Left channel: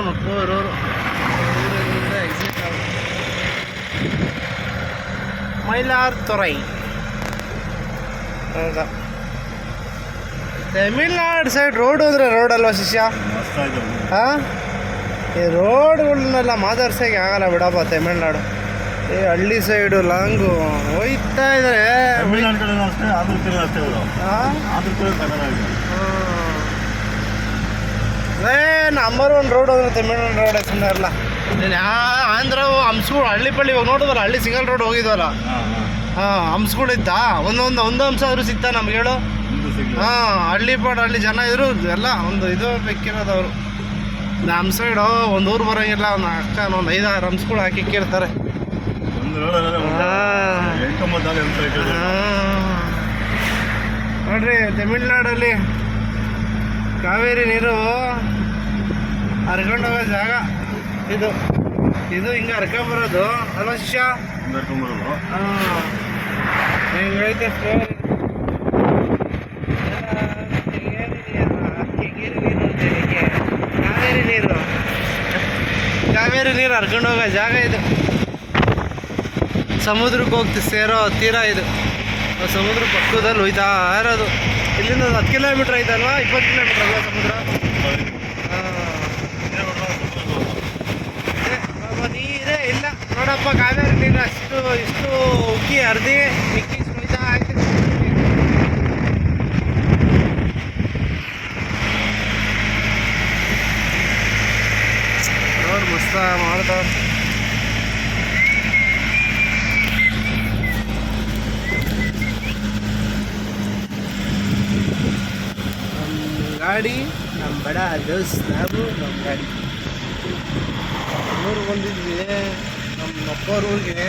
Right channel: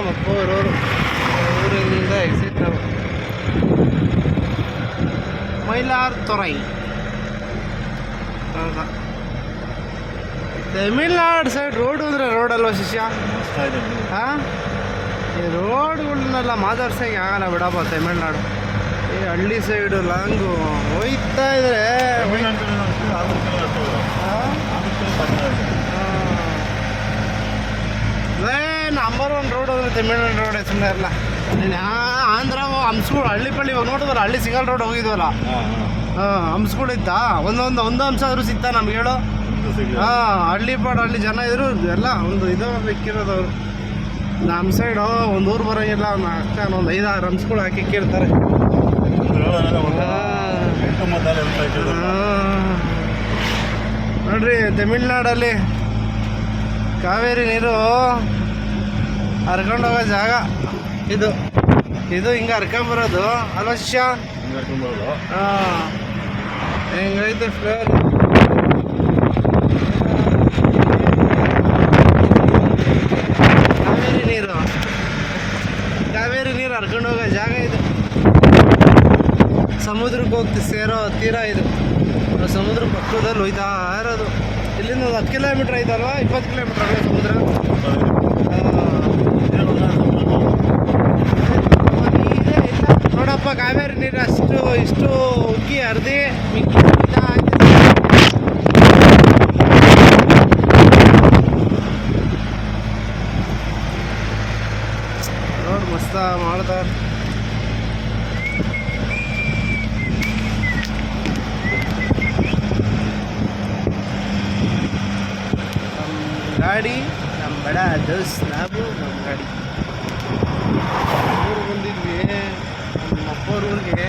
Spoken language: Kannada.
ನಮ್ಮ ಅಪ್ಪ ಊರವರು. ಊರಿನಿಂದ ಎಕ್ಸಿಟ್ ಮೈಲಾರತೊರೈ. ಹೌದಾ, ತಮಿಳ್ನಾಡು ಸೈಡ್ ರೋಡು ಅಂದರೆ ರೋಡ್ ಅಲ್ವಾ ಶಿಷ್ಯ? ಹಾಂ, ಈ ರೋಡ್ಗಳನ್ನೆಲ್ಲ ಮಾತಾಡ್ಸೋಕ್ಕೆ ಆಗಲ್ಲ ಬಿಡಪ್ಪ ತಮಿಳ್ನಾಡು. ಈ ಹಳ್ಳಿ ಸೈಡು ಲಾಂಗು ಹೋಯ್ತಾ ಇದ್ದಾರೆ. ನಂಬರ್ 1 ರೋಡ್ ಹೋದ್ರೆ ತಮಿಳ್ನಾಡು ರೋಡ್ ಸುಮ್ಮನೆ ಇರಲ್ಲ. ನೀನು ಆಂಧ್ರ ಹಂಸ್ಗಳು ಹಳ್ಳಿ ಪಳ್ಳಿ ಇವಾಗ ನೋಡಿದ್ವಲ್ಲ, ಹಳ್ಳಿ ಸಿಂಗಲ್ ರೋಡ್ ಹೋಗಿದ್ವಲ್ಲ. ಹಾಂ, ಹಂಸ್ಗಳಿದ್ದ ಒಂದು ಅಂಶ ಆದರೂ ಸಿಗ್ತಾ ನಮ್ಗೆ ಹೇಳು? ಹಾಂ, ಹಳ್ಳಿ ಹಳ್ಳಿ ಜನ ಇದ್ರು ಎಲ್ಲ ಒಂದು ಇದು ಇಕ್ಕಿರೋದವರು. ನಮ್ಮ ಸೈಡು ಒಂದು ಊರು ಬರೋಂಗಿಲ್ಲ, ಒಂದು ಅಷ್ಟ ಒಂದು 5-6 ಹಂಸ್ಗಳು ಹಾಕಿಕ್ಕಿರ್ತಾರೆ. ನೋಡ್ರಿ, ತಮಿಳ್ನಾಡಲ್ಲಿ ಕಾವೇರಿ ನೀರು ಹರ್ಕೊಂಡೋಗೋ ಜಾಗ ಇದು. ಹಿಂಗೆ ಹರ್ಕೊಂಬರೋದು ಅಲ್ವಾ ಶಿಷ್ಯ? ಹಾಂ, ಹೆಂಗೈತೆ ಫ್ಲೋರ್. ಕಾವೇರಿ ನೀರು ಹರ್ಕೊಂಡೋಗೋ ಜಾಗ ಇದು. ಸಮುದ್ರಕ್ಕೆ ಹೋಗ್ತಿ ಸೇರೋ ತೀರ ಇದು. ಸಮುದ್ರ ಪಕ್ಕದಲ್ಲಿ ಹೋಯ್ತಾ ಇರೋದು. ಇಲ್ಲಿಂದ 10 ಕಿಲೋಮೀಟ್ರ್ ಐತಲ್ವಾ? 20 ಕಿಲೋಮೀಟ್ರ್ ಅಲ್ವಾ ಸಮುದ್ರ? ನೀರೇ ಇಲ್ಲ ನೋಡಪ್ಪ. ಕಾವೇರಿ ನೀರು ಇಷ್ಟು ಉಕ್ಕಿ ಹರಿದು ಮಿಕ್ಕಿ ಸುಳಿತಾ ಆಗ್ತಿದೆ. ರೋಡ್ ಮಸ್ತ ಮಾಡ್ತಾರೆ. ಗಾಡಿ ನಮ್ಮ ಬಡ ದೋಸ್ತ್, ನಾವು ನಮ್ಮ ಗಾಡಿ ಊರಿಗೆ ಬಂದಿದ್ವಿ ನಮ್ಮ ಅಪ್ಪವ್ರ ಊರಿಗೆ.